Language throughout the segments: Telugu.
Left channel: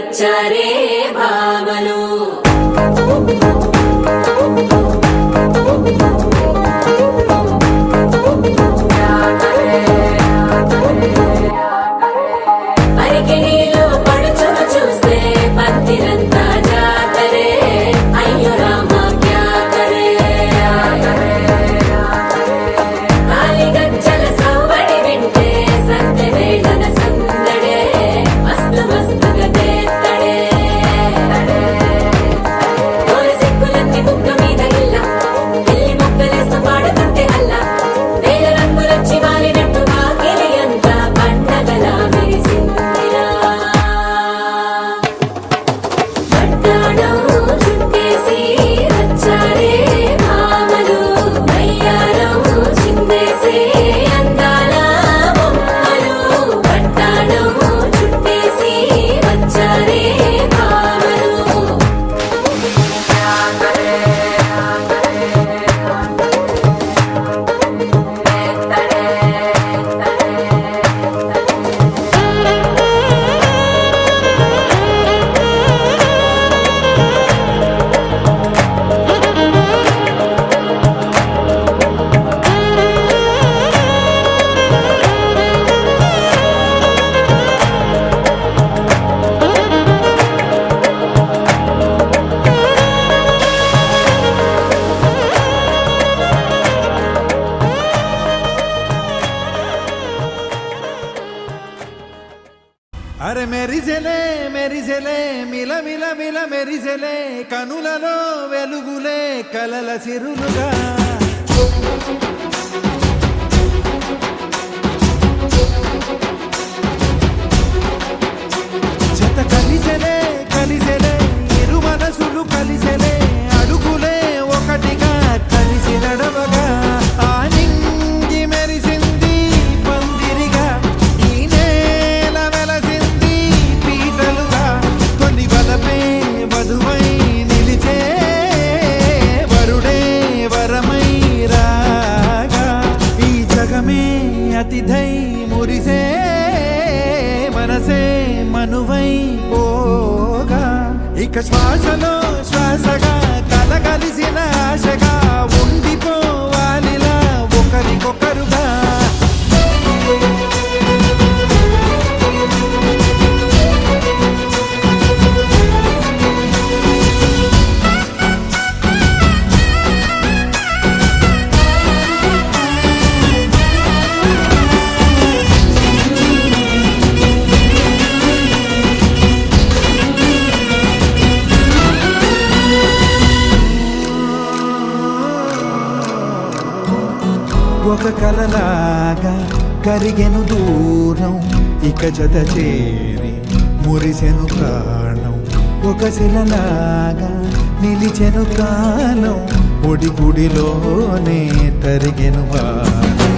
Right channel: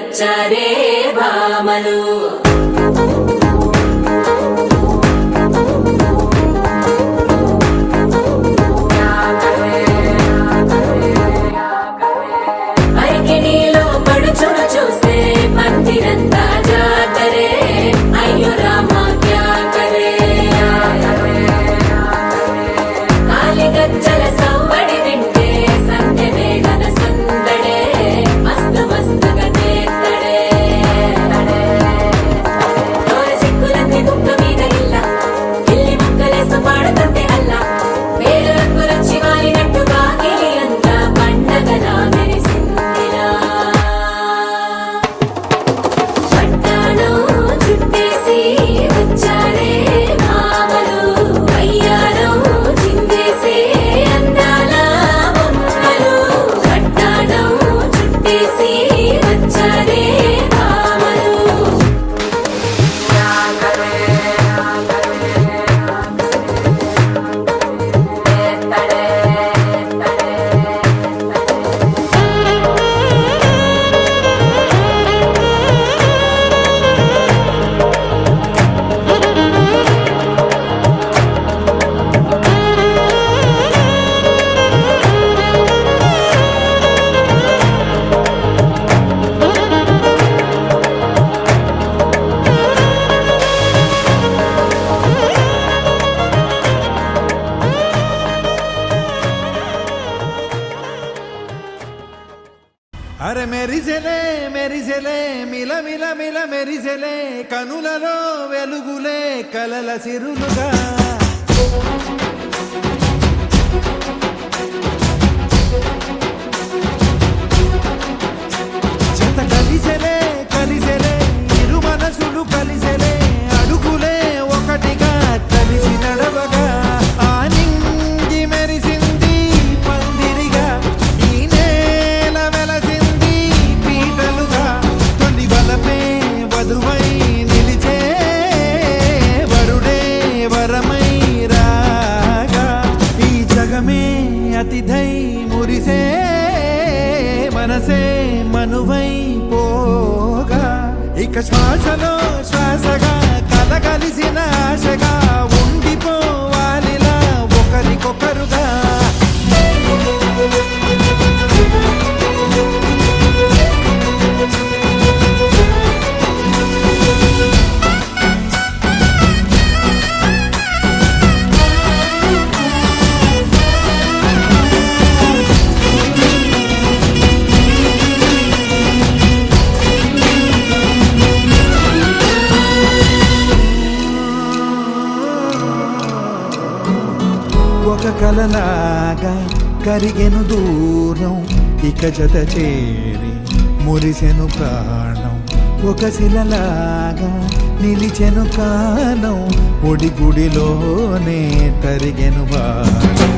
వచ్చారే భామలు అరే మెరిసెలే మిల మిల మిల మెరిసెలే కనులలో వెలుగులే కలల సిరులుగా జత కలిసెలే ఇరు మనసులు కలిసెలే అడుగులే ఒకటిగా కలిసి నడవగా ఆ నింగి మెరిసింది పందిరిగా ఈ నేల వెలసింది పీటలుగా తొలి వలపే వధువై నిలిచే వరుడే వరమై రాగా ఈ జగమే అతిథై మురిసే మనసే మనువై పోగా ఇక శ్వాసలో శ్వాసగా కలగలిసిన ఆశగా ఉండిపోవాలిలా ఒకరికొకరుగా ఒక కలలాగా కరిగెను దూరం ఇక జత చేరి మురిసెను ప్రాణం ఒక శిలలాగా నిలిచెను కాలం ఒడిగుడిలోనే తరిగెను వారం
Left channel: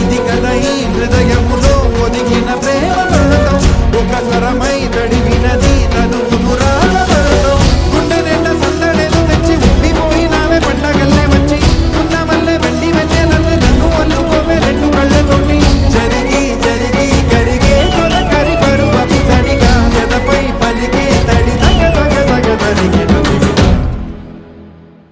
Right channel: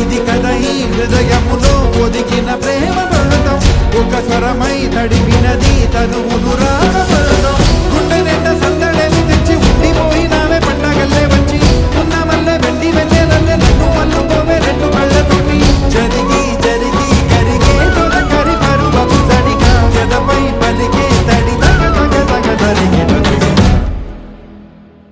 ఇది కదా ఈ హృదయములో ఒదిగిన ప్రేమ పర్వతం ఒక స్వరమై తడివినది తనువును రాగపడతాం గుండె నిండా సందడేలు తెచ్చి ఉండిపోయినావే పండగల్లే వచ్చి ఉన్న మల్లె వెండి వెన్నెలల్లే నన్ను అల్లుకోవే రెండు కళ్ళతోటి జరిగి కరిగే తొలకరి పరువపు సడిగా జదపై పలికే